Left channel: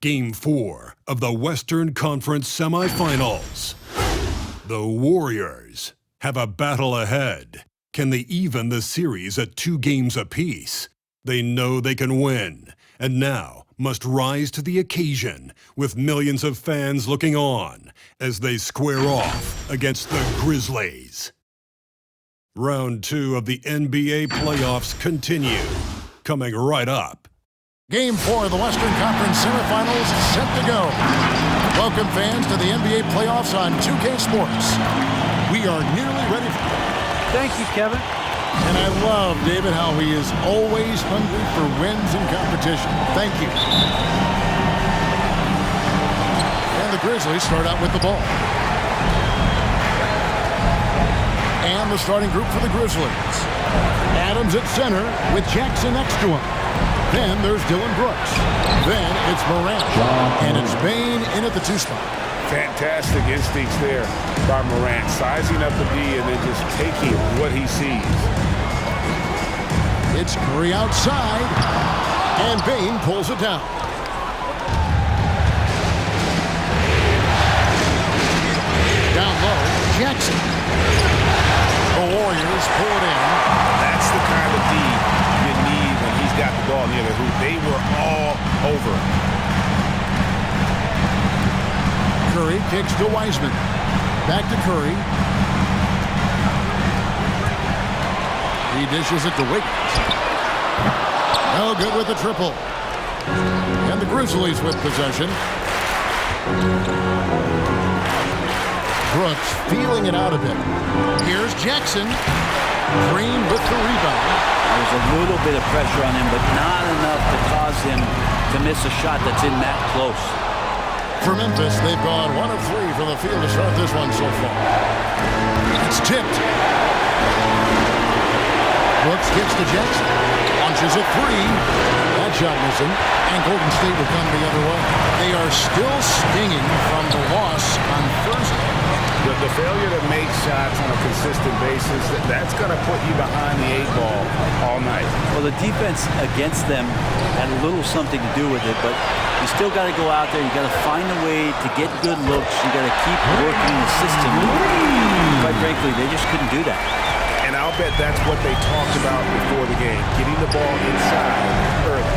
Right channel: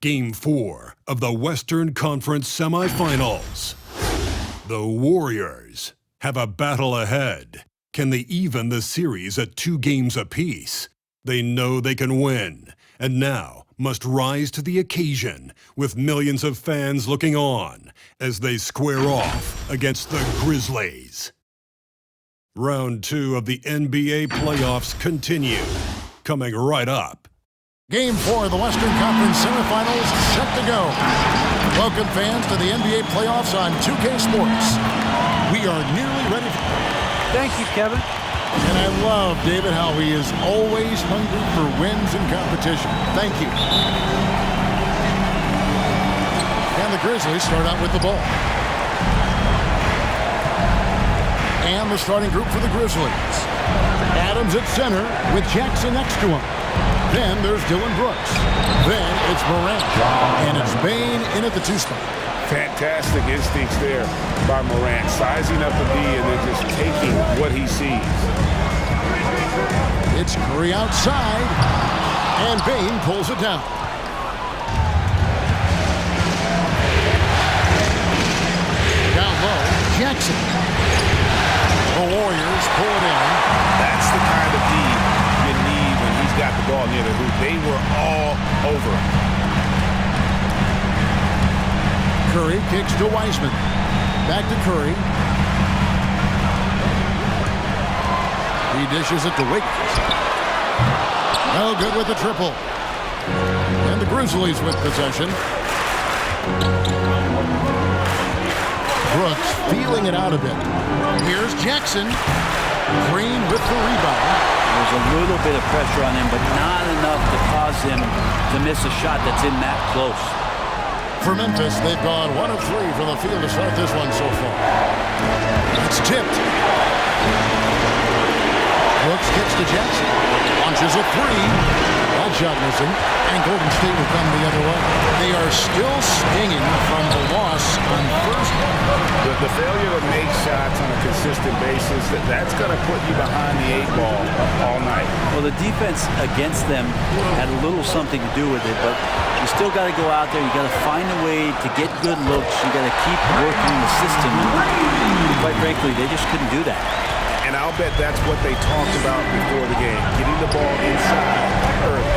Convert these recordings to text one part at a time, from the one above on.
Game 4 of the Western Conference semifinals. The Warriors have a battle ahead. Can they even the series at 2 games apiece? They know they can win, and now must rise to the occasion with millions of fans looking on as they square off against the Grizzlies. Round 2 of the NBA playoffs continue, coming right up. Game 4 of the Western Conference semifinals set to go. Welcome fans to the NBA playoffs on 2K Sports. We are nearly ready for... Thank you, Kevin. And I love David how he is always hungry for wins and competition. Thank you. And the Grizzlies start out with the ball. And the starting group for the Grizzlies. Adams at center with Jackson next to him. Then there's Dylan Brooks. Then it's Morant. And it's Bane in at the 2 spot. Fantastic instincts there by Morant. Sizing up the D and then just taking what he sees. It's Curry outside. And Bane pulls it down. Down low, Jackson. The Warriors pull it in. That's the kind of D you need when he's got the ball near the hoop. They were all over him. Curry kicks to Wiseman. Back to Curry. He dishes it to Wiggins. No good with the triple. And the Grizzlies with possession. Brooks feeling it out a bit. Here's Jackson. Green with the rebound. There's a little bit of pressure on him, but not enough to cause him to miss a shot that's in that close. For Memphis, they've gone 1 of 3 from the field to start this one so far. It's tipped. Brooks kicks to Jackson. Launches a 3. That shot missing. And Golden State will come the other way. They are still stinging from the loss on Thursday. The failure to make shots on a consistent basis, that's going to put you behind the 8 ball all night. Well, the defense against them had a little something to do with it, but you still got to go out there. You got to find a way to get good looks. You got to keep working the system. Quite frankly, they just couldn't do that. And I'll bet that's what they talked about before the game, getting the ball inside early.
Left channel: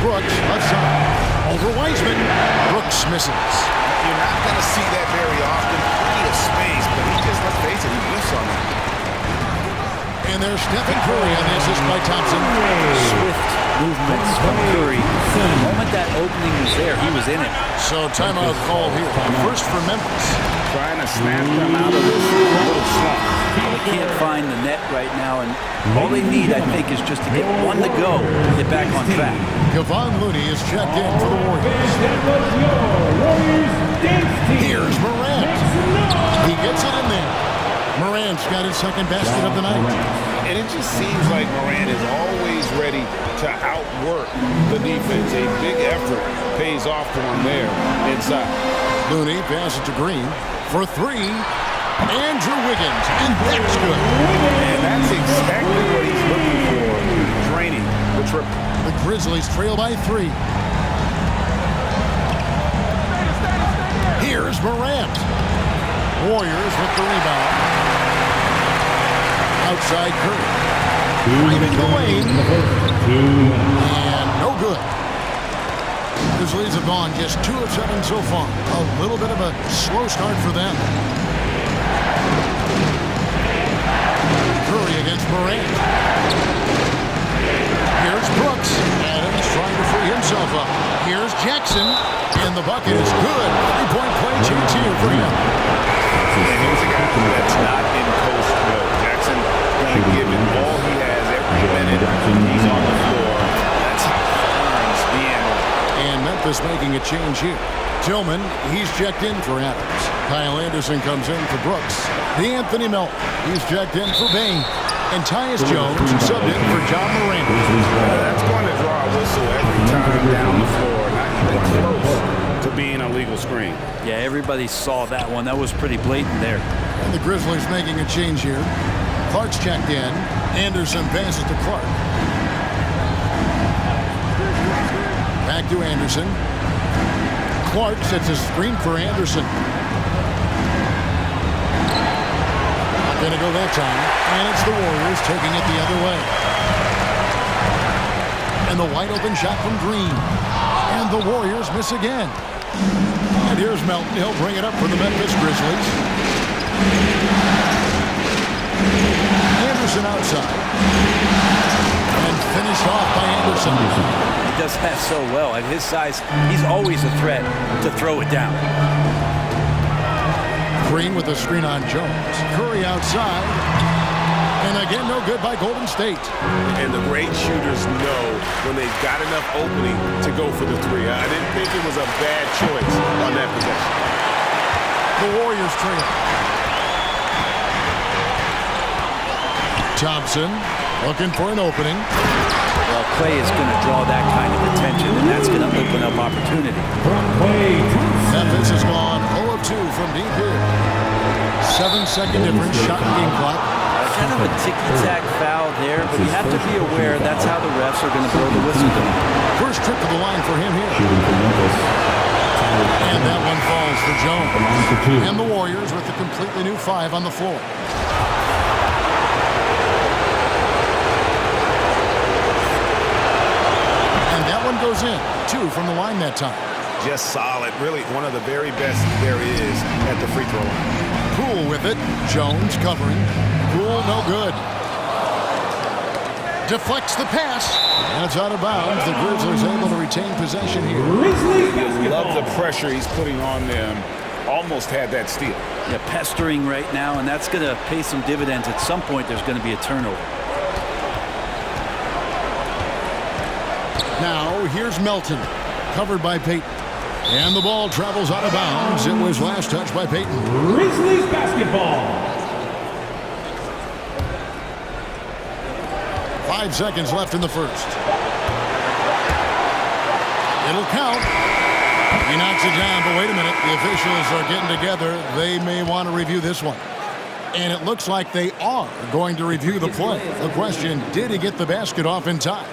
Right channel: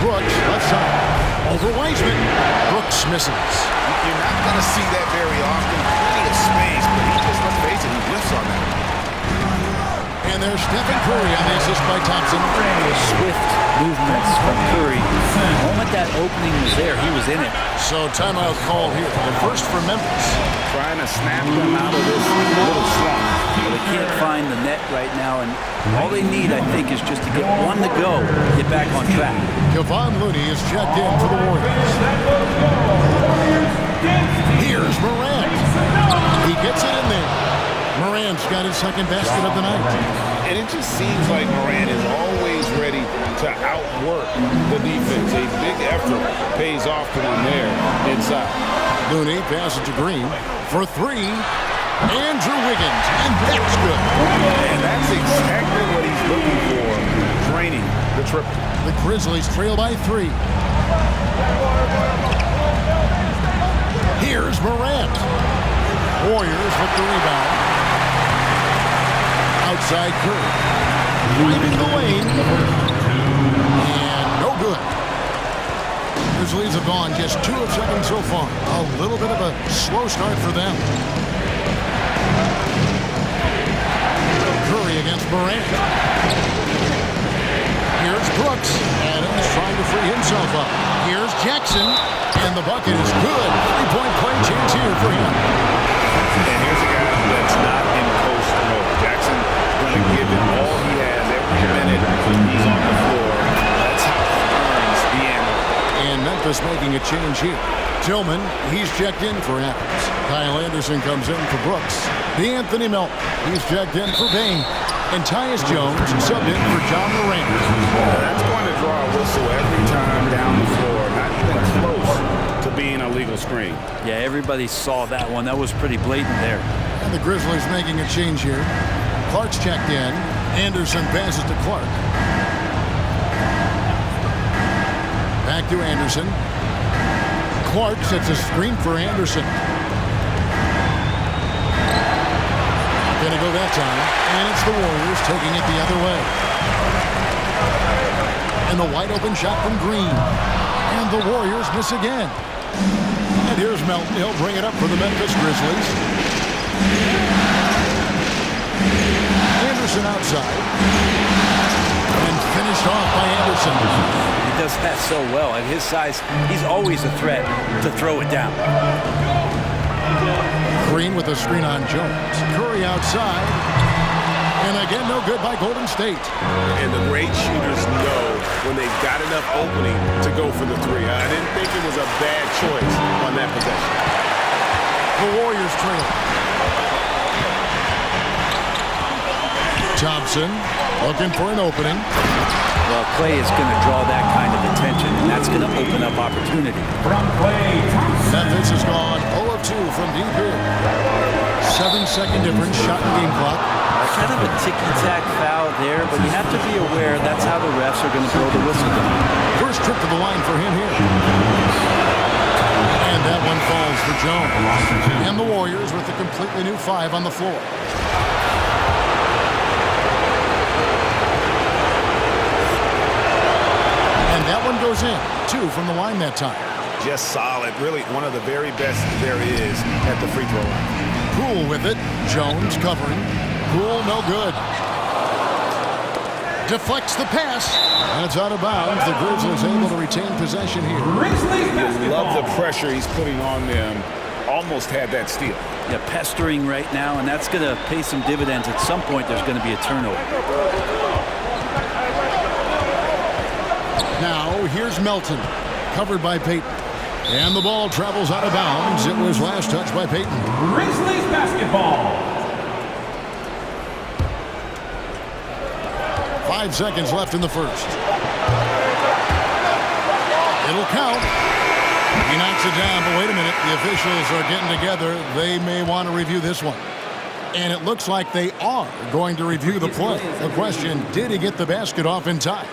Brooks, left side. Over Wiseman. Brooks misses. You're not going to see that very often. Plenty of space, but he just, let's face it, he whiffs on that. And there's Stephen Curry on the assist by Thompson. Swift movements from Curry. The moment that opening was there, he was in it. So timeout called here. The first for Memphis. Trying to snap them out of this little slump. Well, they can't find the net right now, and all they need, I think, is just to get one to go, get back on track. Kevon Looney is checked in for the Warriors. Here's Morant. He gets it in there. Morant's got his second basket of the night. And it just seems like Morant is always ready to outwork the defense. A big effort pays off to him there inside. Looney passes to Green for 3. Andrew Wiggins, and that's good. And that's exactly what he's looking for, draining the triple. The Grizzlies trail by 3. Here's Morant. Warriors with the rebound. Outside Curry. Driving the lane. And no good. Grizzlies have gone just 2 of 7 so far. A little bit of a slow start for them. Curry against Morant. Here's Brooks. Adams trying to free himself up. Here's Jackson. And the bucket is good. 3-point play chance here for him. And here's a guy that's not in coast mode. Jackson going to give it all he has every minute he's on the floor. That's how he earns the analyst. And Memphis making a change here. Tillman, he's checked in for Adams. Kyle Anderson comes in for Brooks. D'Anthony Melton, he's checked in for Bane. And Tyus Jones subbed in for John Morant. That's going to draw a whistle every time down the floor. Not even close to being a legal screen. Yeah, everybody saw that one. That was pretty blatant there. And the Grizzlies making a change here. Clark's checked in. Anderson passes to Clark. Back to Anderson. Clark sets a screen for Anderson. Not going to go that time. And it's the Warriors taking it the other way. And the wide open shot from Green. And the Warriors miss again. And here's Melton. He'll bring it up for the Memphis Grizzlies. Anderson outside. And finished off by Anderson. He does that so well. At his size, he's always a threat to throw it down. Green with a screen on Jones. Curry outside. And again, no good by Golden State. And the great shooters know when they've got enough opening to go for the three. I didn't think it was a bad choice on that possession. The Warriors trail. Thompson looking for an opening. Well, Clay is going to draw that kind of attention, and that's going to open up opportunity. From Clay Thompson. Memphis has gone 0 of 2 from deep here. 7-second difference, shot and game clock. Kind of a ticky-tack foul there, but you have to be aware that's how the refs are going to blow the whistle tonight. First trip to the line for him here. And that one falls for Jones. And the Warriors with a completely new 5 on the floor. And that one goes in. 2 from the line that time. Just solid. Really one of the very best there is at the free throw line. Poole with it. Jones covering. Poole no good. Deflects the pass. And it's out of bounds. The Grizzlies able to retain possession here. Grizzlies You love the basketball. pressure he's putting on them. Almost had that steal. Yeah, pestering right now, and that's going to pay some dividends. At some point, there's going to be a turnover. Now, here's Melton, covered by Payton. And the ball travels out of bounds. It was last touched by Payton. Grizzlies basketball. 5 seconds left in the first. It'll count. He knocks it down, but wait a minute. The officials are getting together. They may want to review this one. And it looks like they are going to review the play. The question, did he get the basket off in time?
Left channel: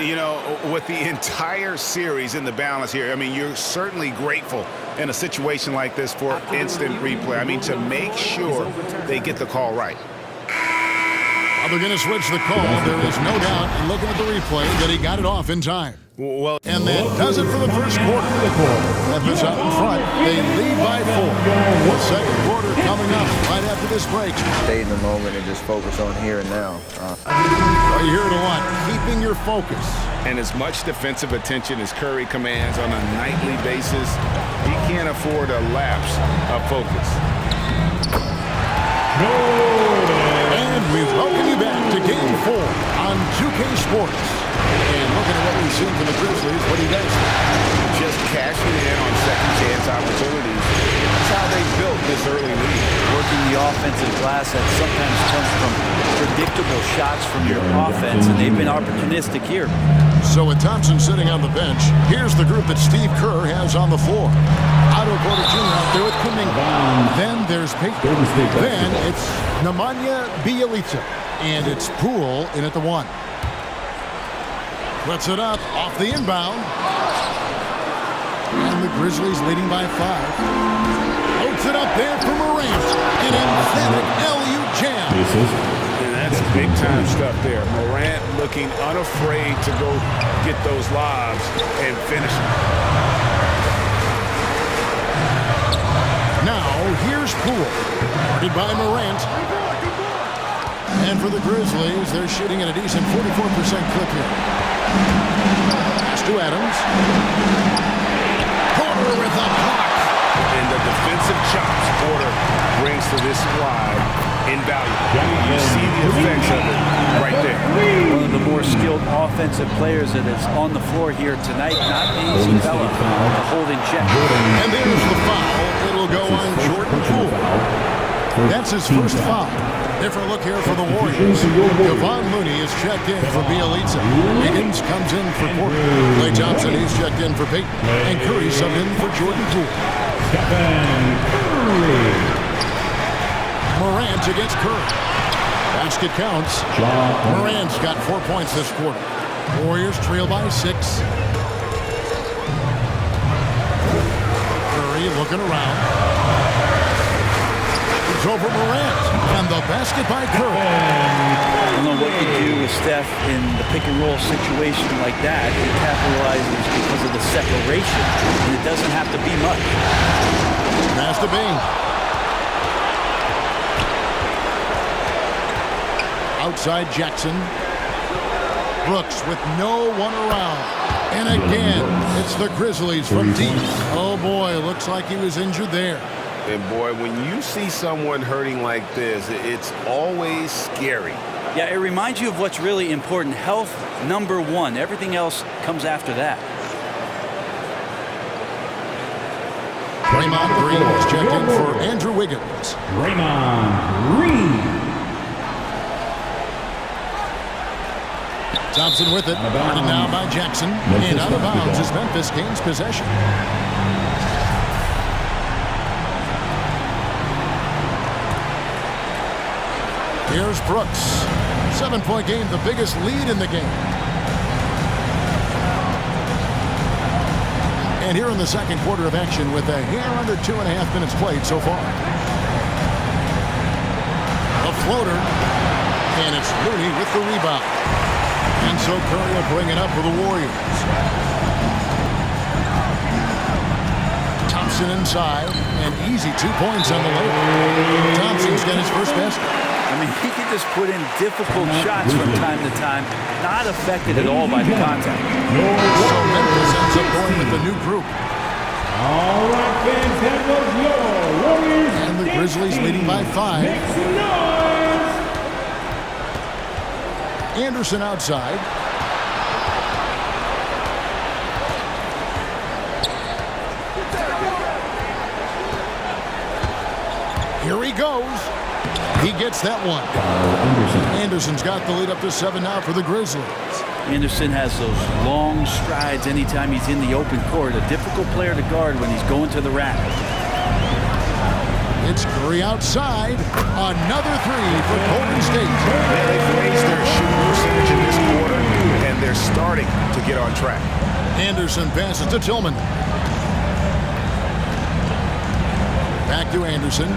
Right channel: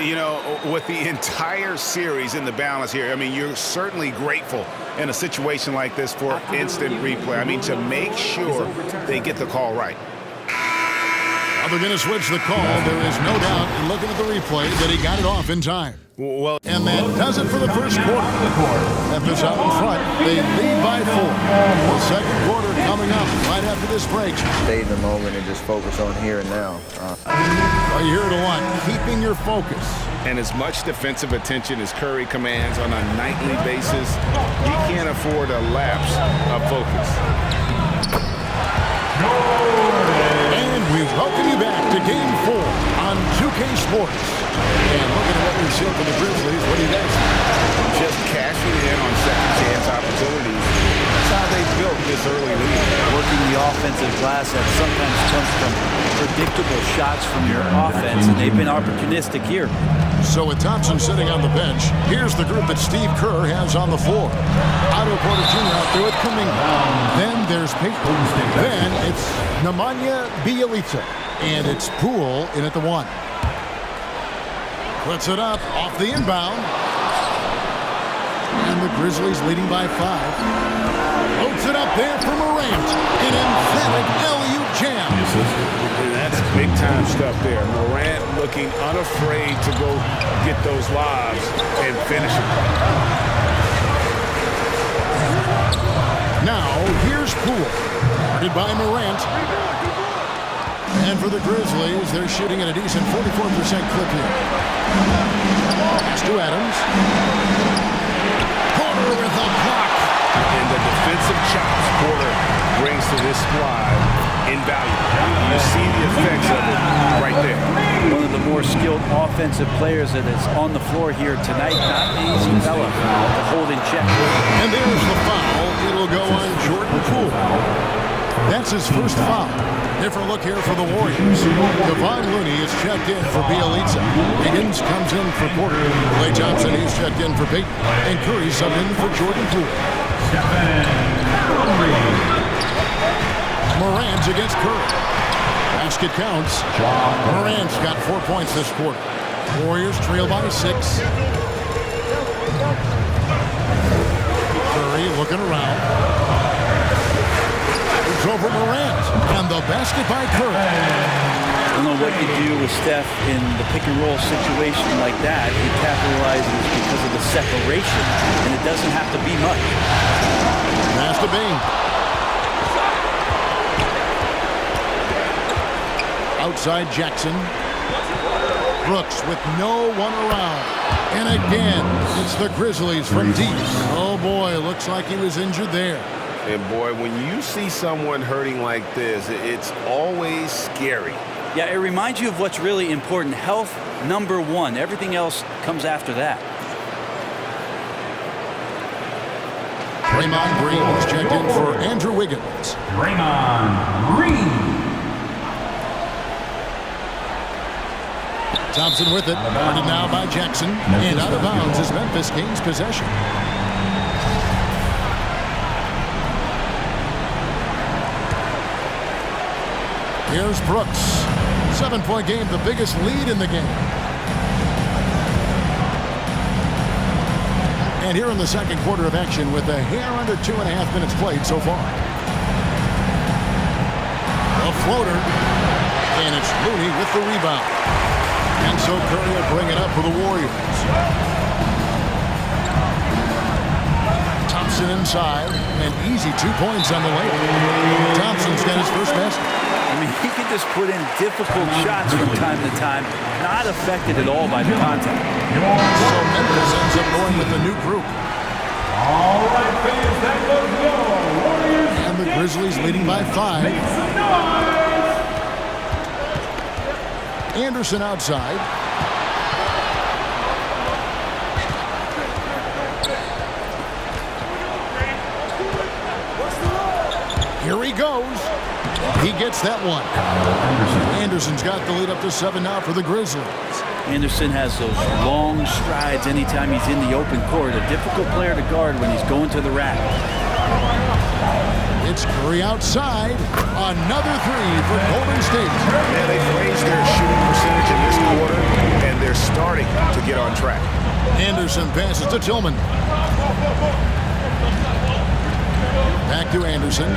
You know, with the entire series in the balance here, I mean, you're certainly grateful in a situation like this for instant replay. I mean, to make sure they get the call right. Well, they're going to switch the call. There is no doubt in looking at the replay that he got it off in time. Well, And that does it for the first quarter. Memphis out in front. They lead by 4. The second quarter coming up right after this break. Stay in the moment and just focus on here and now. Well, you hear it a lot. Keeping your focus. and as much defensive attention as Curry commands on a nightly basis, he can't afford a lapse of focus. And we welcome you back to Game 4 on 2K Sports. And looking at what we've seen from the Grizzlies, what do you guys think? Just cashing in on second chance opportunities. That's how they built this early lead. Working the offensive glass that sometimes comes from predictable shots from your offense, and they've been opportunistic here. So with Thompson sitting on the bench, here's the group that Steve Kerr has on the floor. Otto Porter Jr. out there with Kuminga. Then there's Payton. Then it's Nemanja Bjelica. And it's Poole in at the 1. Puts it up off the inbound. And the Grizzlies leading by 5. Loads it up there for Morant. An emphatic LU jam. And that's big-time stuff there. Morant looking unafraid to go get those lobs and finish them. Now, here's Poole. Guarded by Morant. And for the Grizzlies, they're shooting at a decent 44% clip here. Pass to Adams. Porter with a block. And the defensive chops Porter brings to this squad invaluable. You see the effects of it right there. One of the more skilled offensive players that is on the floor here tonight. Not an easy fella to hold in check. And there's the foul. It'll go on Jordan Poole. That's his first foul. Different look here for the Warriors. Kevon Looney is checked in for Bjelica. Higgins comes in for Porter. Klay Thompson, he's checked in for Payton. And Curry subbed in for Jordan Poole. Morant against Curry. Basket counts. Morant's got 4 points this quarter. Warriors trail by 6. Curry looking around. It's over Morant. And the basket by Curry. I don't know what you do with Steph in the pick-and-roll situation like that. He capitalizes because of the separation, and it doesn't have to be much. Pass to Bing. Outside Jackson. Brooks with no one around. And again, it's the Grizzlies from deep. Oh boy, looks like he was injured there. And boy, when you see someone hurting like this, it's always scary. Yeah, it reminds you of what's really important. Health, number one. Everything else comes after that. Draymond Green is checked in for Andrew Wiggins. Draymond Green. Thompson with it. Guarded now by Jackson. And out of bounds as Memphis gains possession. Here's Brooks. 7-point game, the biggest lead in the game. And here in the second quarter of action with a hair under 2.5 minutes played so far. A floater. And it's Looney with the rebound. And so Curry will bring it up for the Warriors. Thompson inside. And easy 2 points on the layup. Thompson's got his first basket. I mean, he can just put in difficult shots from time to time, not affected at all by the contact. So Memphis ends up going with the new group. All right, fans, that was your Warriors. And the Grizzlies leading by 5. Make some noise. Anderson outside. Here he goes. He gets that one. Anderson's got the lead up to 7 now for the Grizzlies. Anderson has those long strides anytime he's in the open court. A difficult player to guard when he's going to the rack. It's Curry outside. Another three for Golden State. Yeah, they've raised their shooting percentage in this quarter, and they're starting to get on track. Anderson passes to Tillman. Back to Anderson.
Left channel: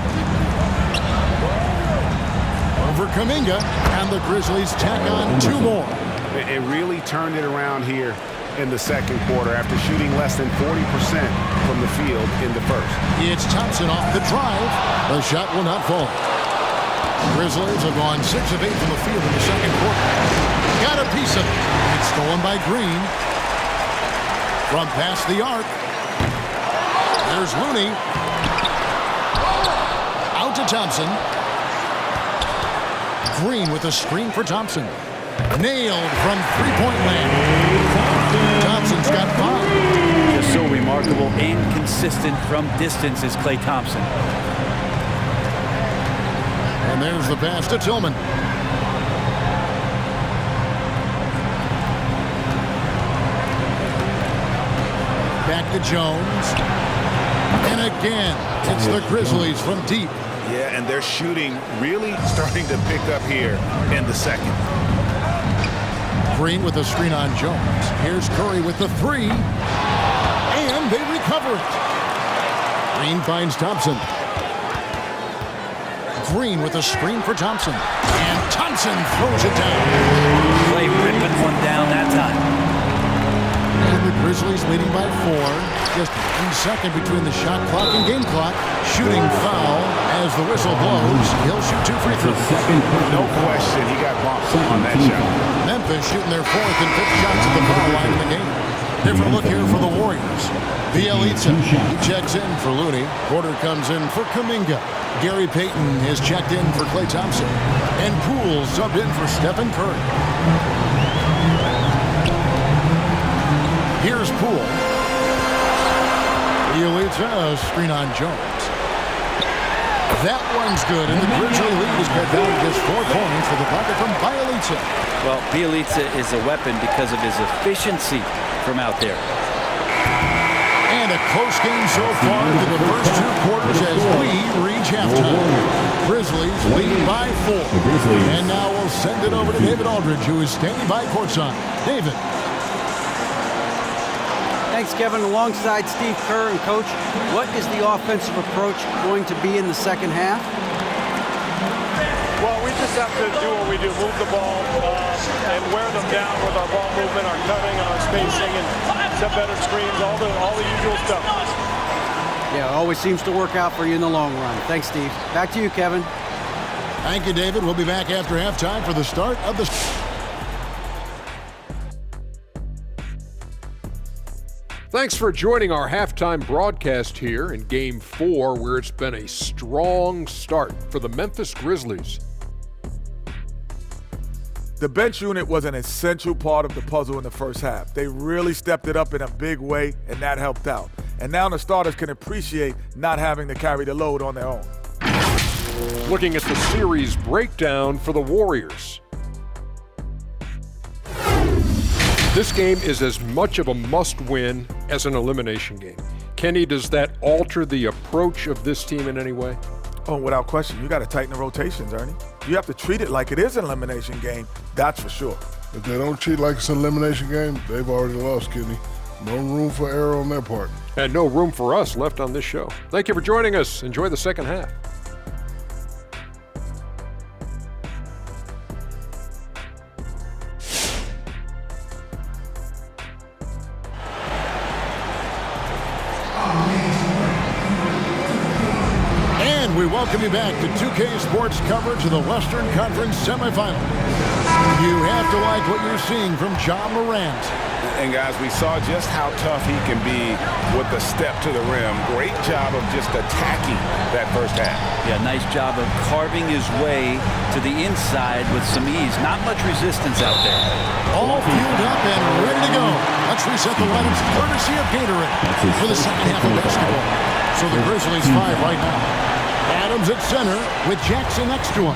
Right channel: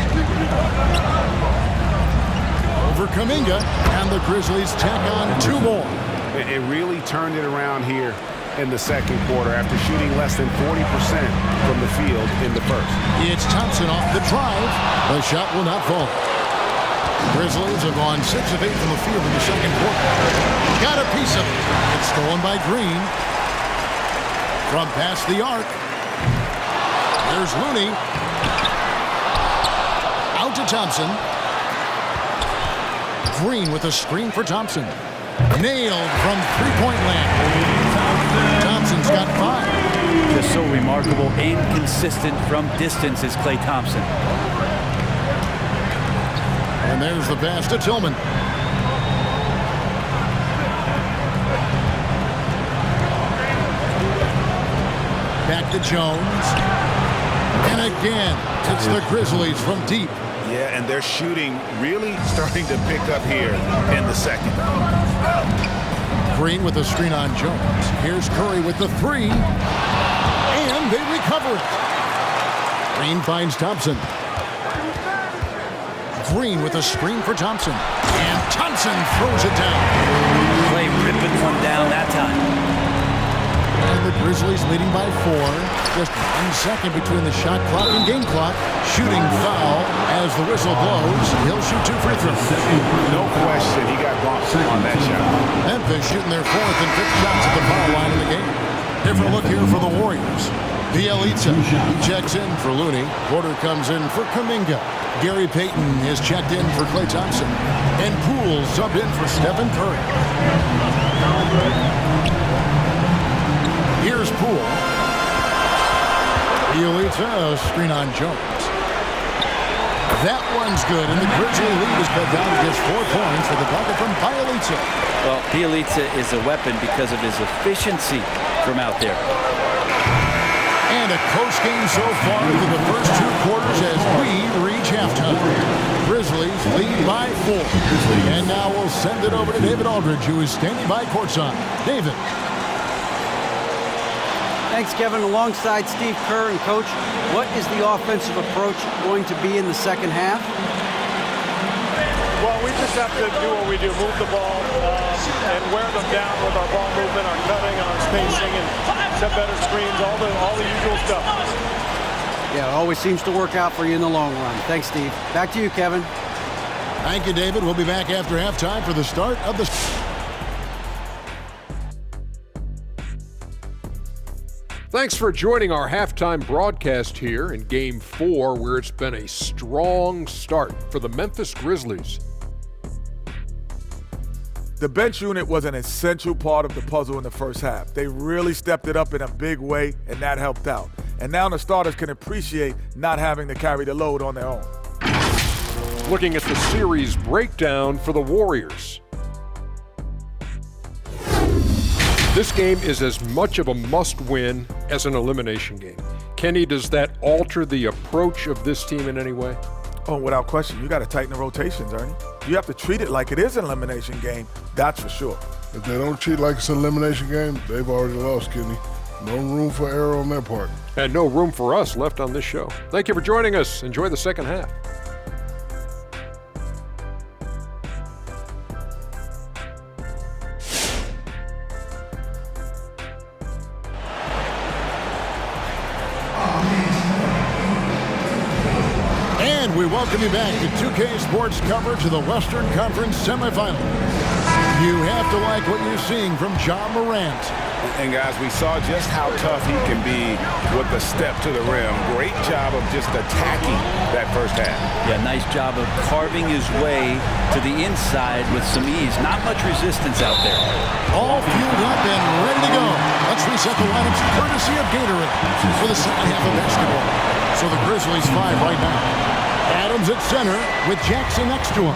Over Kuminga, and the Grizzlies tack on 2 more. It really turned it around here in the second quarter after shooting less than 40% from the field in the first. It's Thompson off the drive. The shot will not fall. Grizzlies have gone 6 of 8 from the field in the second quarter. Got a piece of it. It's stolen by Green. From past the arc. There's Looney. Out to Thompson. Green with a screen for Thompson. Nailed from three-point land. Thompson's got 5. Just so remarkable and consistent from distance is Klay Thompson. And there's the pass to Tillman. Back to Jones. And again, it's the Grizzlies from deep. Yeah, and their shooting really starting to pick up here in the second. Green with a screen on Jones. Here's Curry with the 3. And they recover it. Green finds Thompson. Green with a screen for Thompson. And Thompson throws it down. Klay ripping one down that time. And the Grizzlies leading by 4. Just 1 second between the shot clock and game clock. Shooting foul as the whistle blows. He'll shoot 2 free throws. No question, he got bumped on that shot. Memphis shooting their 4th and 5th shots at the foul line in the game. Different look here for the Warriors. Bielitsa, he checks in for Looney. Porter comes in for Kuminga. Gary Payton is checked in for Klay Thompson. And Poole subbed in for Stephen Curry. Here's Poole. Bielitsa, screen on Jones. That one's good, and the Grizzly lead is cut down to just 4 points for the bucket from Bielitsa. Well, Bielitsa is a weapon because of his efficiency from out there. And a close game so far through the first 2 quarters as we reach halftime. Grizzlies lead by 4. And now we'll send it over to David Aldridge, who is standing by courtside. David. Thanks, Kevin. Alongside Steve Kerr and Coach, what is the offensive approach going to be in the second half? Well, we just have to do what we do, move the ball and wear them down with our ball movement, our cutting, and our spacing, and set better screens, all the usual stuff. Yeah, it always seems to work out for you in the long run. Thanks, Steve. Back to you, Kevin. Thank you, David. We'll be back after halftime for the start of the... Thanks for joining our halftime broadcast here in Game 4, where it's been a strong start for the Memphis Grizzlies. The bench unit was an essential part of the puzzle in the first half. They really stepped it up in a big way, and that helped out. And now the starters can appreciate not having to carry the load on their own. Looking at the series breakdown for the Warriors. This game is as much of a must-win as an elimination game. Kenny, does that alter the approach of this team in any way? Oh, without question. You got to tighten the rotations, Ernie. You have to treat it like it is an elimination game, that's for sure. If they don't treat it like it's an elimination game, they've already lost, Kenny. No room for error on their part. And no room for us left on this show. Thank you for joining us. Enjoy the second half. And we welcome you back to 2K Sports coverage of the Western Conference semifinals. You have to like what you're seeing from Ja Morant. And guys, we saw just how tough he can be with the step to the rim. Great job of just attacking that first half. Yeah, nice job of carving his way to the inside with some ease. Not much resistance out there. All fueled up and ready to go. Let's reset the lineups courtesy of Gatorade for the second half of basketball. So the Grizzlies 5 right now. Adams at center with Jackson next to him.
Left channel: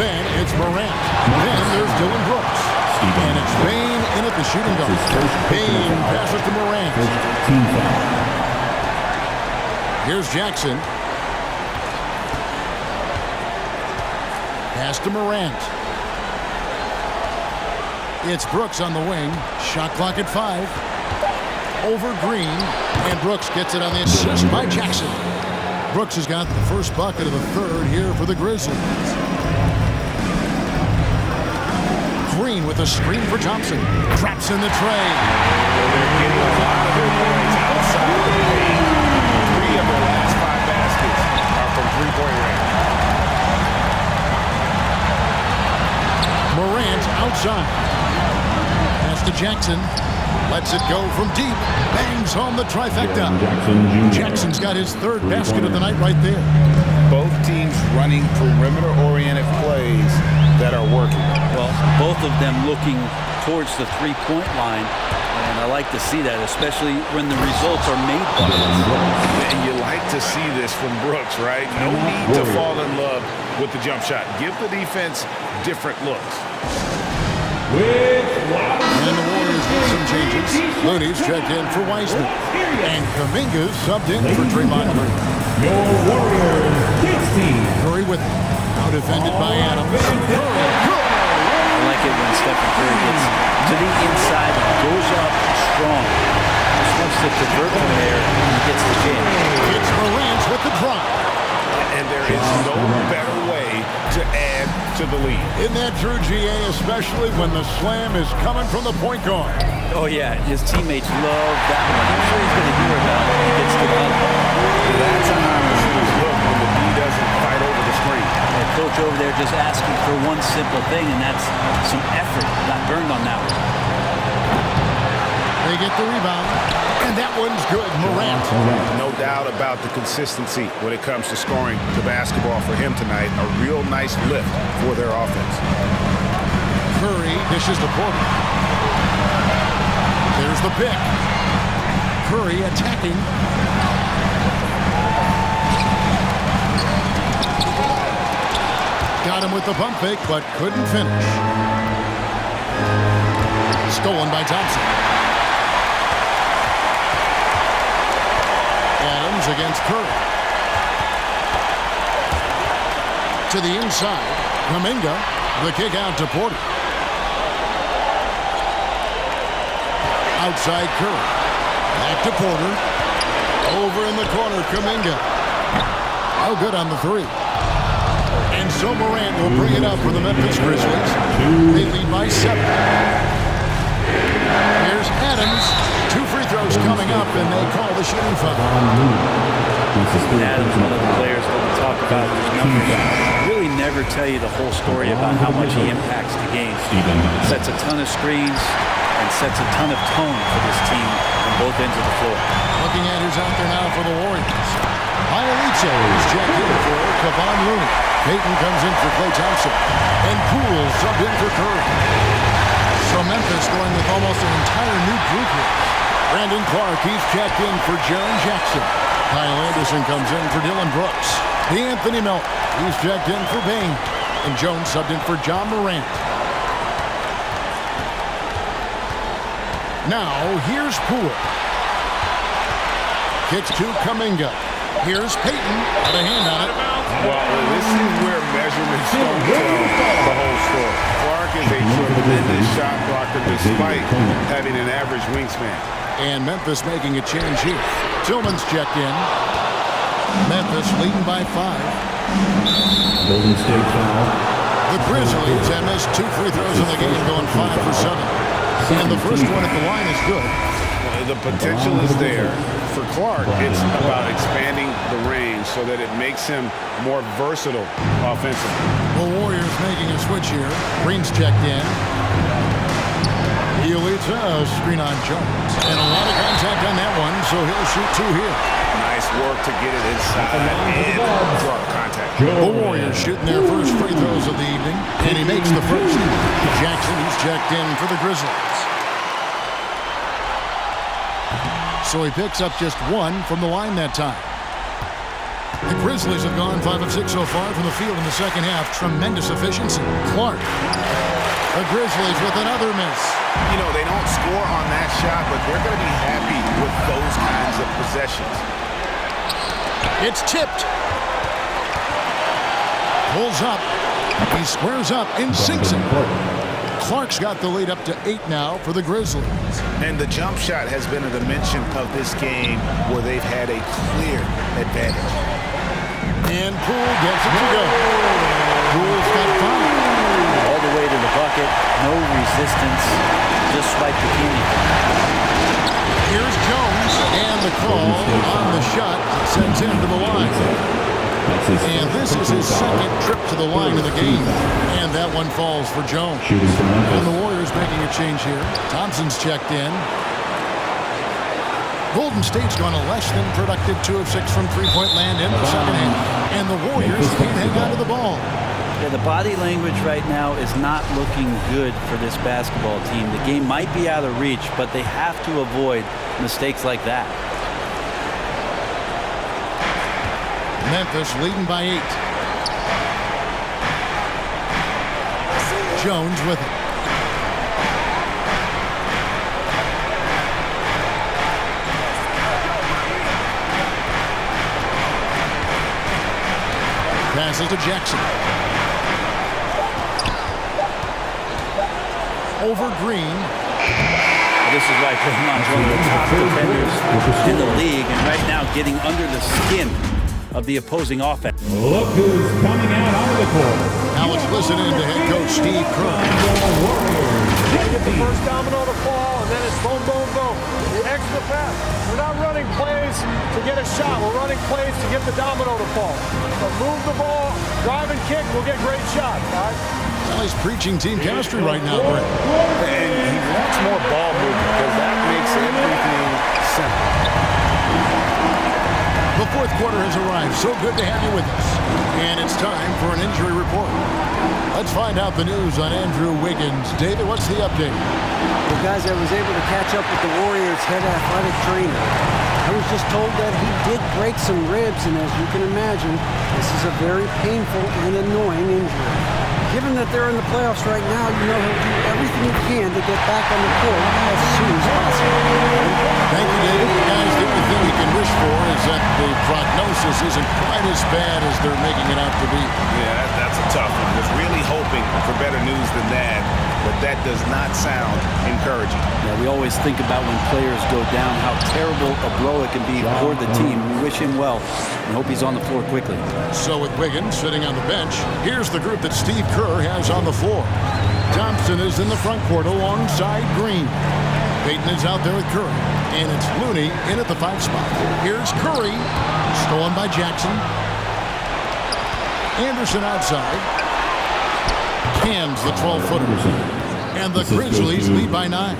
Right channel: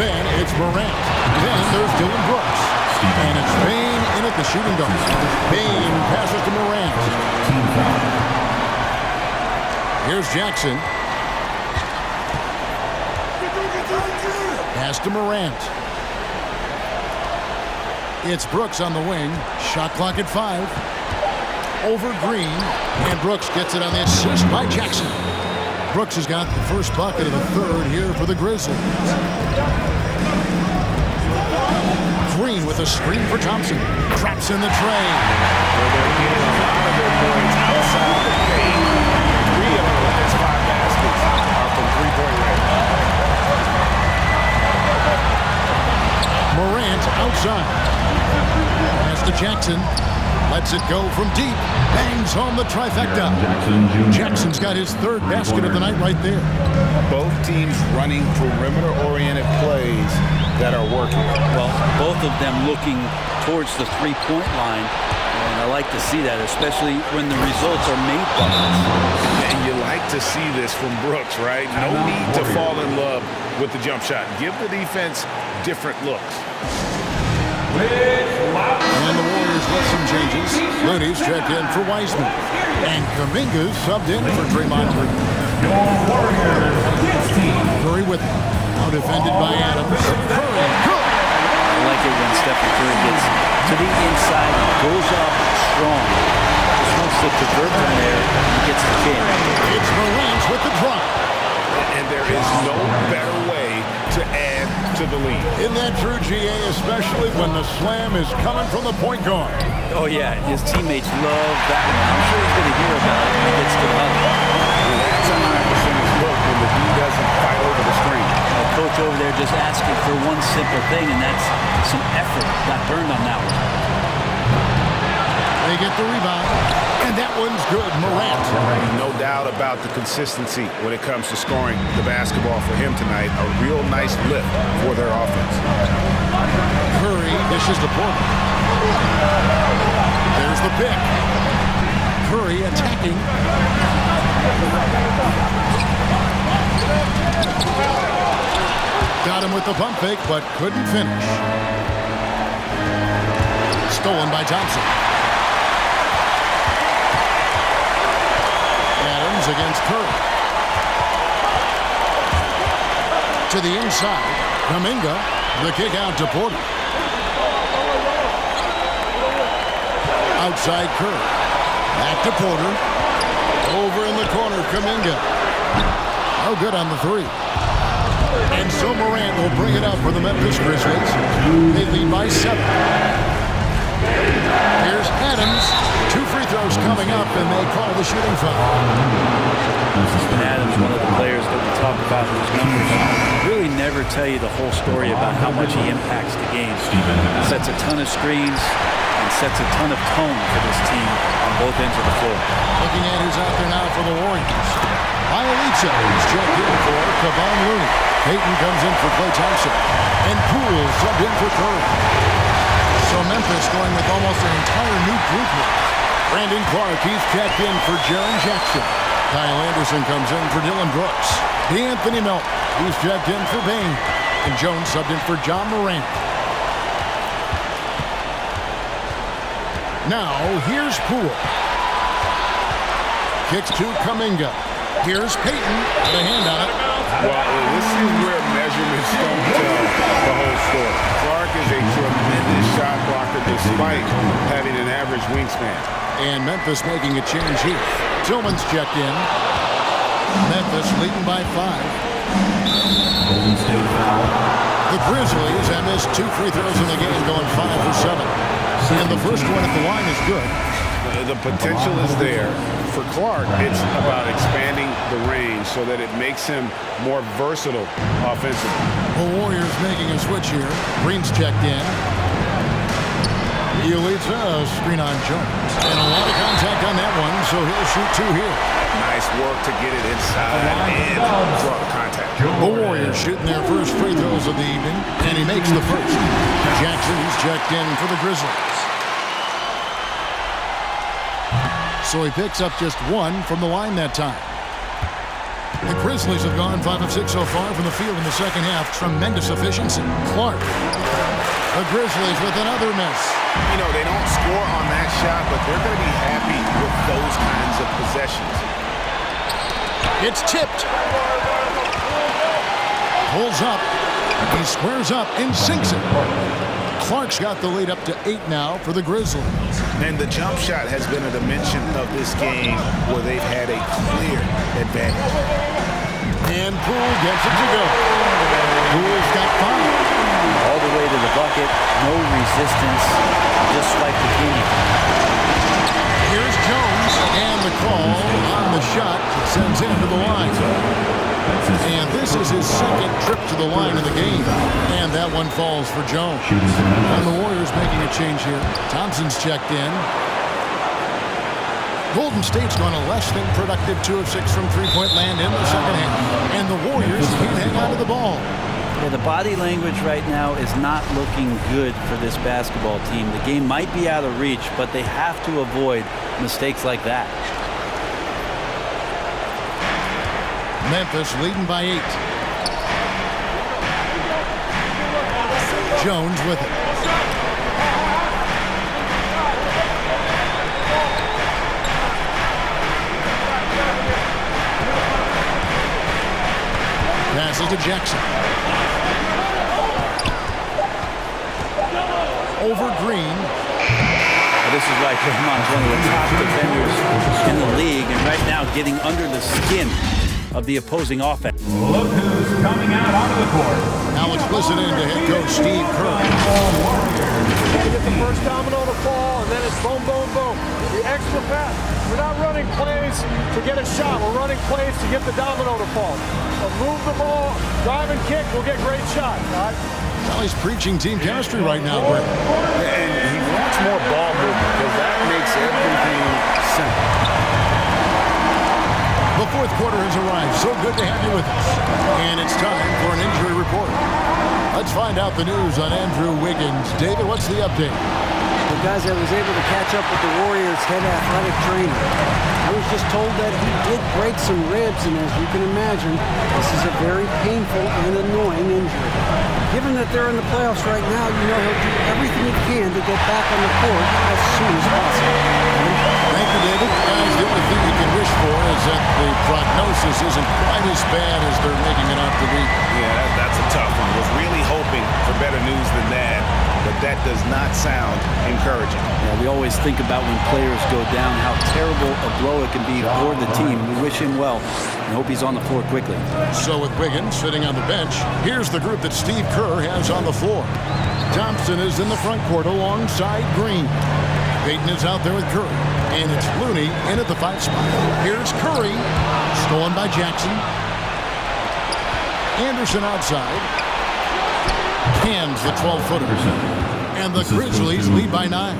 Then it's Morant. Then there's Dylan Brooks. And it's Bane in at the shooting guard. Bane passes to Morant. Here's Jackson. Pass to Morant. It's Brooks on the wing. Shot clock at 5. Over Green. And Brooks gets it on the assist by Jackson. Brooks has got the first bucket of the third here for the Grizzlies. Green with a screen for Thompson. Traps in the tray. Well, they're getting a lot of their points outside the paint. 3 of their last 5 baskets are from three-point range. Morant outside. Pass to Jackson. Lets it go from deep. Bangs home the trifecta. Jackson's got his third basket of the night right there. Both teams running perimeter-oriented plays that are working. Well, both of them looking towards the three-point line. And I like to see that, especially when the results are made buckets. And you like to see this from Brooks, right? No need to fall in love with the jump shot. Give the defense different looks. And the Warriors with some changes. Looney's checked in for Wiseman. And Kuminga's subbed in for Draymond Green. Your Warriors, 16. Curry with him. Now defended by Adams. Curry, good. I like it when Stephen Curry gets to the inside and goes up strong. Just wants to divert from there and he gets the jam. It's Morant with the drop. And there is no better way to add to the lead. Isn't that true, GA, especially when the slam is coming from the point guard? Oh, yeah, his teammates love that one. I'm sure he's going to hear about it when he gets to the huddle. That's a high percentage look when the D doesn't fight over the screen. Coach over there just asking for one simple thing, and that's some effort. Got burned on that one. They get the rebound, and that one's good. Morant. No doubt about the consistency when it comes to scoring the basketball for him tonight. A real nice lift for their offense. Curry dishes to Porter. There's the pick. Curry attacking. Got him with the pump fake, but couldn't finish. Stolen by Thompson. Adams against Curry. To the inside. Kuminga. The kick out to Porter. Outside Curry. Back to Porter. Over in the corner, Kuminga. No good on the three. And so Morant will bring it up for the Memphis Grizzlies. They lead by 7. Here's Adams. 2 free throws coming up, and they call the shooting foul. And Adams, one of the players that we talk about whose numbers really never tell you the whole story about how much he impacts the game. Sets a ton of screens and sets a ton of tone for this team on both ends of the floor. Looking at who's out there now for the Warriors. Bielitsa is checked in for Kevon Looney. Payton comes in for Klay Thompson. And Poole subbed in for Curry. So Memphis going with almost an entire new group here. Brandon Clark, he's checked in for Jaren Jackson. Kyle Anderson comes in for Dylan Brooks. Anthony Melton, he's checked in for Bane. And Jones subbed in for John Morant. Now, here's Poole. Kicks to Kuminga. Here's Payton. Got a hand on it. Well, this is where measurements don't tell the whole story. Clark is a tremendous shot blocker despite having an average wingspan. And Memphis making a change here. Tillman's checked in. Memphis leading by 5. Golden State foul. The Grizzlies have missed 2 free throws in the game, going 5 for 7. And the first one at the line is good. The potential is there. For Clark, it's about expanding the range so that it makes him more versatile offensively. The Warriors making a switch here. Green's checked in. Bielitsa, screen on Jones. And a lot of contact on that one, so he'll shoot 2 here. Nice work to get it inside and draw the contact. The Warriors shooting their first free throws of the evening, and he makes the first. Jackson, he's checked in for the Grizzlies. So he picks up just 1 from the line that time. The Grizzlies have gone 5 of 6 so far from the field in the second half. Tremendous efficiency. Clark. The Grizzlies with another miss. You know, they don't score on that shot, but they're going to be happy with those kinds of possessions. It's tipped. Pulls up. He squares up and sinks it. Clark's got the lead up to 8 now for the Grizzlies. And the jump shot has been a dimension of this game where they've had a clear advantage. And Poole gets it to go. Poole's got 5. All the way to the bucket, no resistance, just swipe the candy. Here's Jones, and the call on the shot that sends him to the line. And this is his second trip to the line in the game. And that one falls for Jones. And the Warriors making a change here. Thompson's checked in. Golden State's gone a less than productive 2 of 6 from three-point land in the second half. And the Warriors can't hang on to the ball. Yeah, the body language right now is not looking good for this basketball team. The game might be out of reach, but they have to avoid mistakes like that. Memphis leading by 8. Jones with it. Passes to Jackson. Over Green. This is why Draymond's one of the top defenders in the league, and right now getting under the skin of the opposing offense. Look who's coming out onto the court. Now let's listen in to head coach Steve Kerr. You get the first domino to fall, and then it's boom, boom, boom. The extra pass. We're not running plays to get a shot. We're running plays to get the domino to fall. So move the ball, drive and kick, we'll get great shots. All right? Well, he's preaching team chemistry right now, Brett. And he wants more ball movement because that makes everything simple. The fourth quarter has arrived. So good to have you with us. And it's time for an injury report. Let's find out the news on Andrew Wiggins. David, what's the update? Well, guys, I was able to catch up with the Warriors' head athletic trainer. I was just told that he did break some ribs, and as you can imagine, this is a very painful and annoying injury. Given that they're in the playoffs right now, you know he'll do everything he can to get back on the court as soon as possible. Kevin? Thank you, David. Guys, the only thing you can wish for is that the prognosis isn't quite as bad as they're making it out to be. Yeah, that's a tough one. Was really hoping for better news than that, but that does not sound encouraging. Yeah, we always think about when players go down, how terrible a blow it can be for the team. We wish him well and hope he's on the floor quickly. So with Wiggins sitting on the bench, here's the group that Steve Kerr has on the floor. Thompson is in the front court alongside Green. Payton is out there with Curry. And it's Looney in at the 5 spot. Here's Curry, stolen by Jackson. Anderson outside. Cans the 12-footer. And the Grizzlies lead by 9.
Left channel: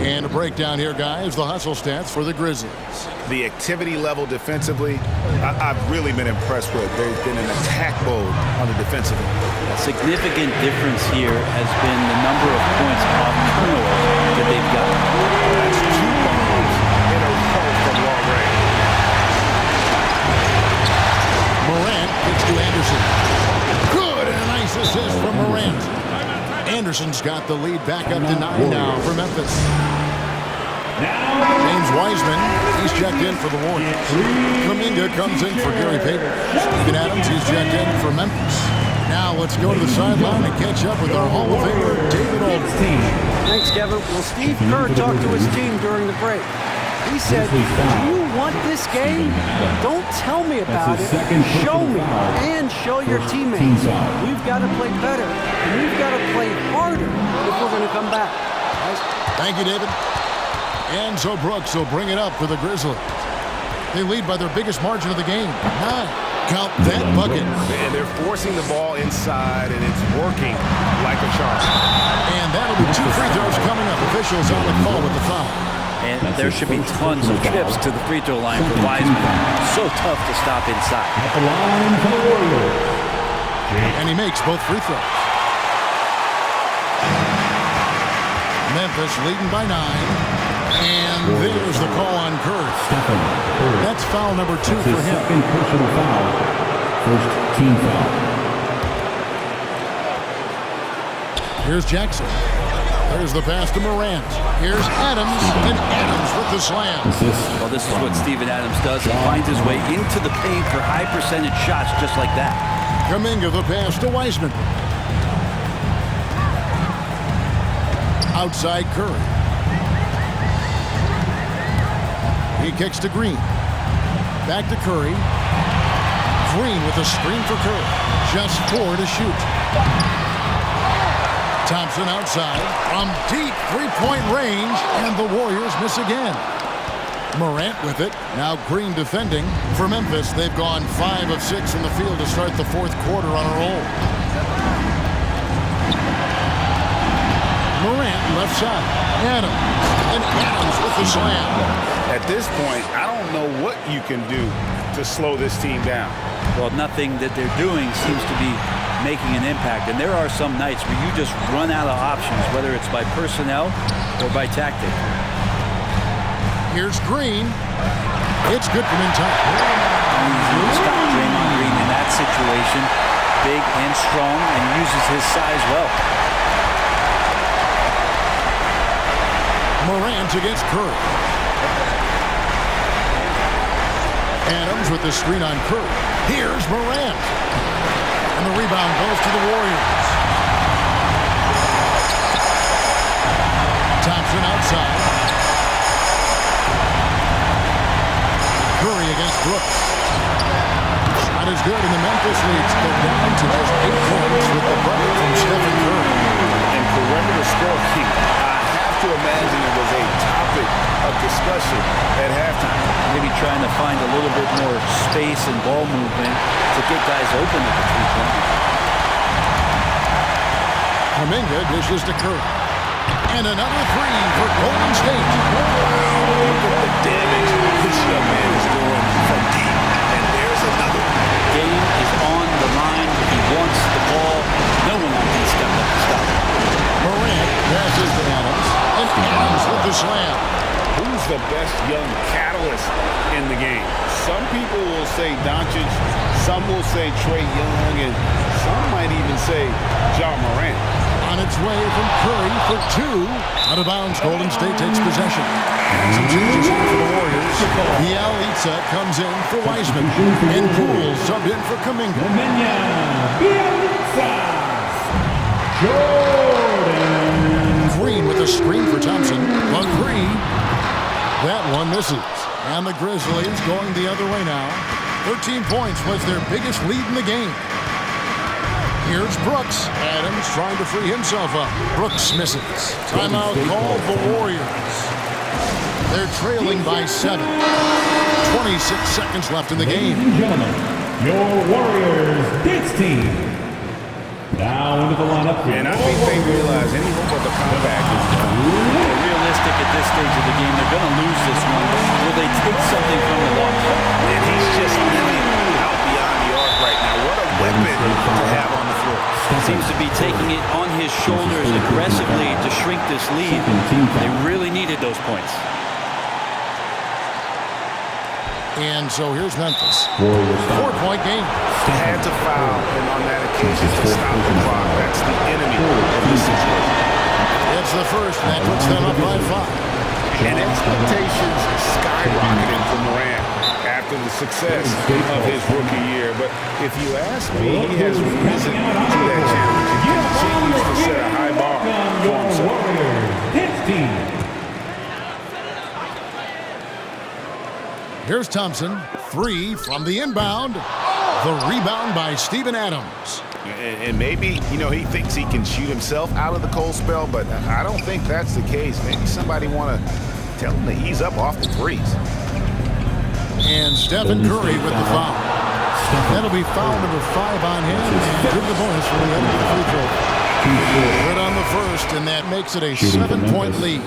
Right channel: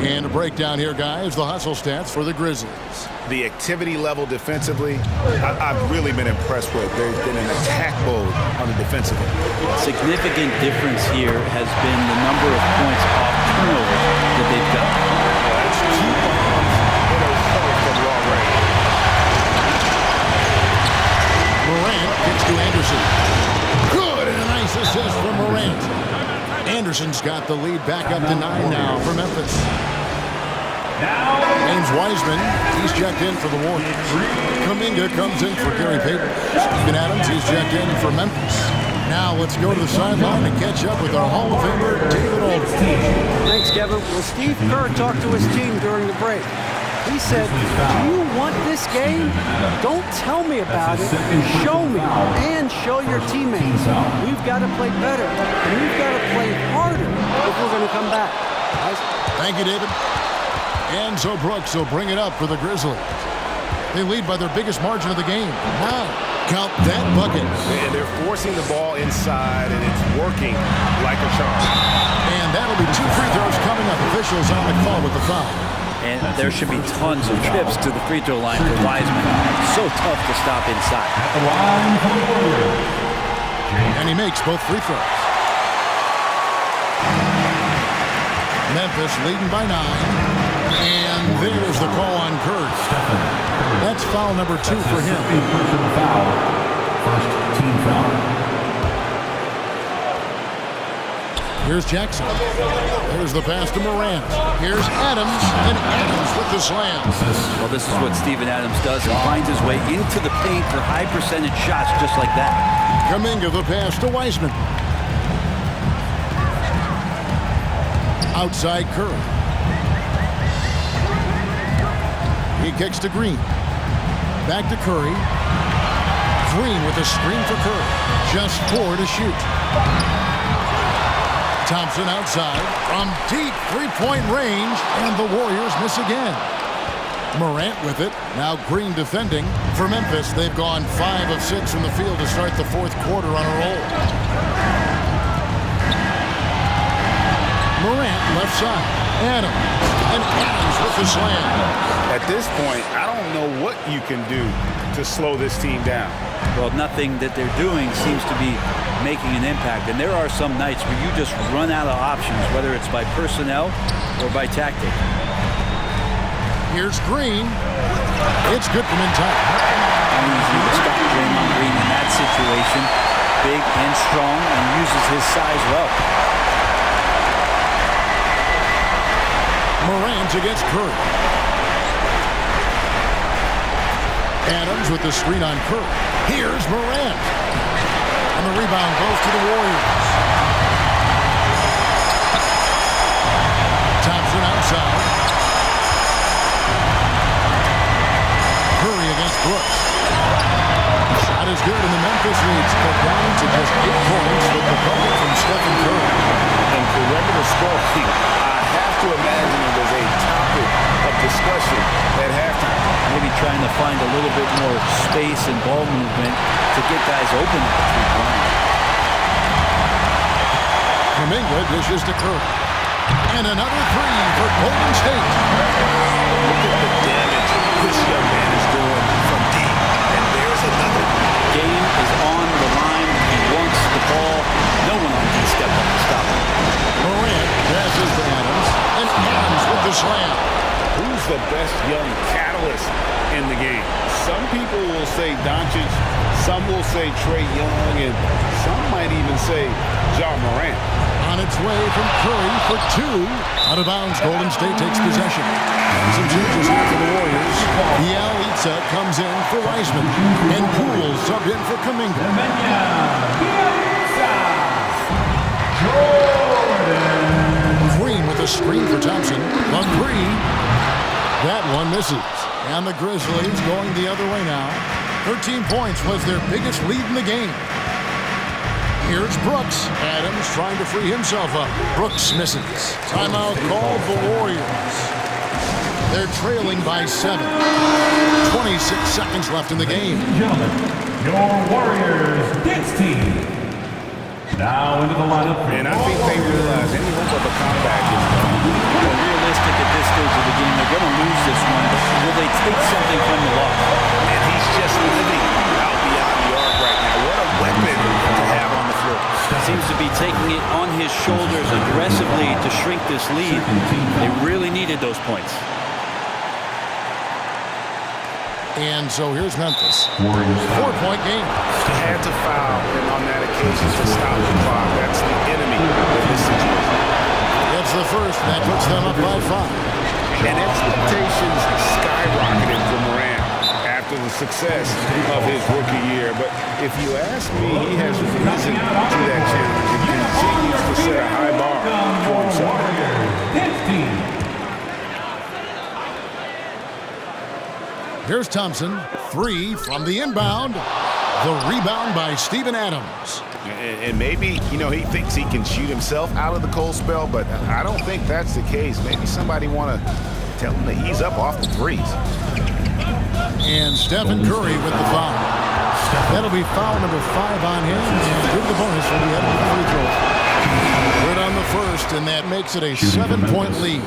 And a breakdown here, guys. The hustle stats for the Grizzlies. The activity level defensively, I've really been impressed with. There's been an attack mode on the defensive end. A significant difference here has been the number of points off turnovers that they've got. That's 2 bombs in a row from long range. Morant gets to Anderson. Good, and a nice assist from Morant. Anderson's got the lead back up to 9 now for Memphis. James Wiseman, he's checked in for the Warriors. Kuminga comes in for Gary Payton. Steven Adams, he's checked in for Memphis. Now let's go to the sideline and catch up with our Hall of Famer, David Aldridge. Thanks, Kevin. Well, Steve Kerr talked to his team during the break. He said, do you want this game? Don't tell me about it. Show me and show your teammates. We've got to play better, and we've got to play harder if we're going to come back. Guys? Thank you, David. And so Brooks will bring it up for the Grizzlies. They lead by their biggest margin of the game, 9. Count that bucket. And they're forcing the ball inside, and it's working like a charm. And that'll be 2 free throws coming up. Officials on the call with the foul. And there should be tons of trips to the free throw line for Wiseman. So tough to stop inside. At the line for the Warriors. And he makes both free throws. Memphis leading by 9. And there's the call on Curry. That's foul number 2 for him. Second personal foul. First team foul. Here's Jackson. There's the pass to Morant. Here's Adams, and Adams with the slam. Well, this is what Steven Adams does. He finds his way into the paint for high percentage shots just like that. Kuminga the pass to Wiseman. Outside Curry. He kicks to Green. Back to Curry. Green with a screen for Curry. Just 4 to shoot. Thompson outside from deep three-point range, and the Warriors miss again. Morant with it. Now Green defending. For Memphis, they've gone 5 of 6 in the field to start the 4th quarter on a roll. Morant left side. Adams. And Adams with the slam. At this point, I don't know what you can do to slow this team down. Well, nothing that they're doing seems to be making an impact. And there are some nights where you just run out of options, whether it's by personnel or by tactic. Here's Green. It's good from inside. Not easy to stop Draymond Green in that situation. Big and strong and uses his size well. Morant against Curry. Adams with the screen on Curry. Here's Morant. And the rebound goes to the Warriors. Thompson outside. Curry against Brooks. Shot is good, and the Memphis leads cut down to just 8 points with the bucket from Stephen Curry. And perimeter scoring, I have to imagine it was a topic of discussion at halftime. Maybe trying to find a little bit more space and ball movement to get guys open at the three-point line. Kuminga dishes to Curry. And another 3 for Golden State. Wow, look at the damage this young man is doing from deep. And there's another. Game is on the line. He wants the ball. No one on D stepped up to stop him. Morant passes to Adams. And Adams with the slam. Who's the best young catalyst in the game? Some people will say Doncic, some will say Trae Young, and Some might even say Ja Morant. On its way from Curry for 2. Out of bounds, Golden State takes possession. And some changes here for the Warriors. Bielitsa comes in for Wiseman. And Poole subbed in for Kuminga. Jordan. Green with a screen for Thompson. On 3. That one misses. And the Grizzlies going the other way now. 13 points was their biggest lead in the game. Here's Brooks. Adams trying to free himself up. Brooks misses. Timeout called the Warriors. They're trailing by 7. 26 seconds left in the game. Ladies and gentlemen, your Warriors dance team. Now into the lineup. And I think they realize any hope of a comeback is gone. Well, realistic at this stage of the game, they're going to lose this one, but will they take something from the loss? And he's just living out beyond the arc right now. What a weapon to have on the floor. Seems to be taking it on his shoulders aggressively to shrink this lead. They really needed those points. And so here's Memphis. Warriors 4-point game. Had to foul, and on that occasion to stop the clock. That's the enemy in this situation. It's the first, and that puts them up by 5. And expectations skyrocketed for Morant after the success of his rookie year. But if you ask me, he has risen to that challenge and continues to set a high bar for himself. Here's Thompson. 3 from the inbound. The rebound by Steven Adams. And maybe, he thinks he can shoot himself out of the cold spell, but I don't think that's the case. Maybe somebody want to tell him to ease up off the threes. And Stephen Curry with the foul. That'll be foul number 5 on him, and good the bonus when we head into the free throw. Good on the first, and that makes it a 7-point lead.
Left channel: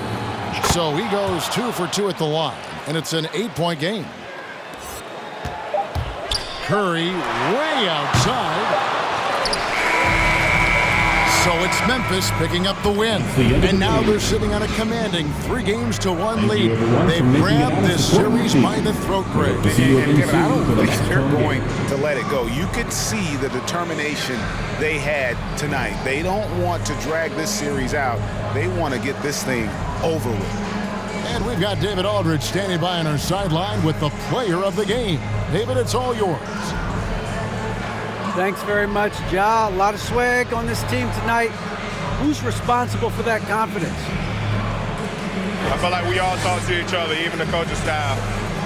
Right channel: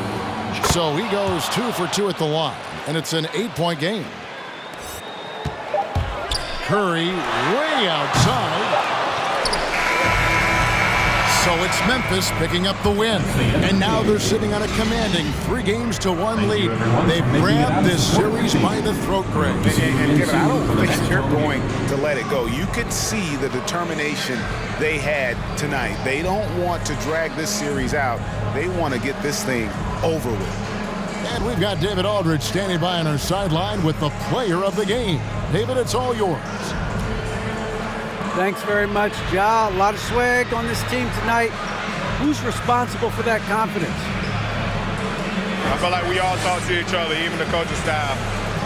So he goes 2 for 2 at the line, and it's an 8-point game. Curry way outside. So it's Memphis picking up the win. And now they're sitting on a commanding 3-1 lead. They've grabbed this series by the throat, Greg. And Kevin, I don't think they're going to let it go. You could see the determination they had tonight. They don't want to drag this series out. They want to get this thing over with. And we've got David Aldridge standing by on our sideline with the player of the game. David, it's all yours. Thanks very much, Ja. A lot of swag on this team tonight. Who's responsible for that confidence? I feel like we all talk to each other, even the coaching staff.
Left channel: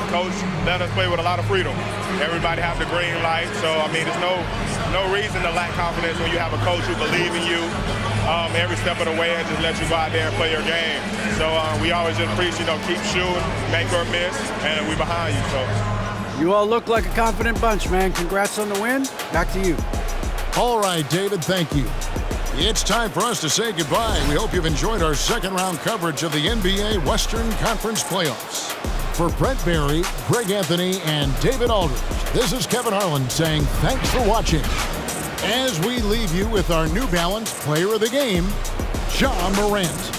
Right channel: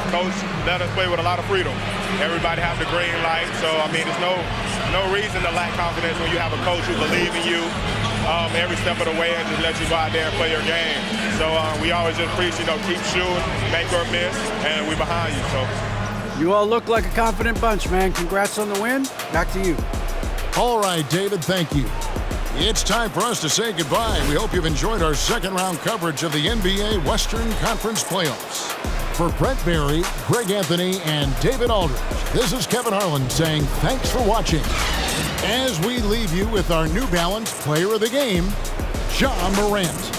Coach let us play with a lot of freedom. Everybody have the green light, so there's no reason to lack confidence when you have a coach who believes in you every step of the way and just let you go out there and play your game. So we always just preach, keep shooting, make or miss, and we're behind you. So. You all look like a confident bunch, man. Congrats on the win. Back to you. All right, David, thank you. It's time for us to say goodbye. We hope you've enjoyed our second-round coverage of the NBA Western Conference Playoffs. For Brent Barry, Greg Anthony, and David Aldridge, this is Kevin Harlan saying thanks for watching. As we leave you with our New Balance Player of the Game, Ja Morant.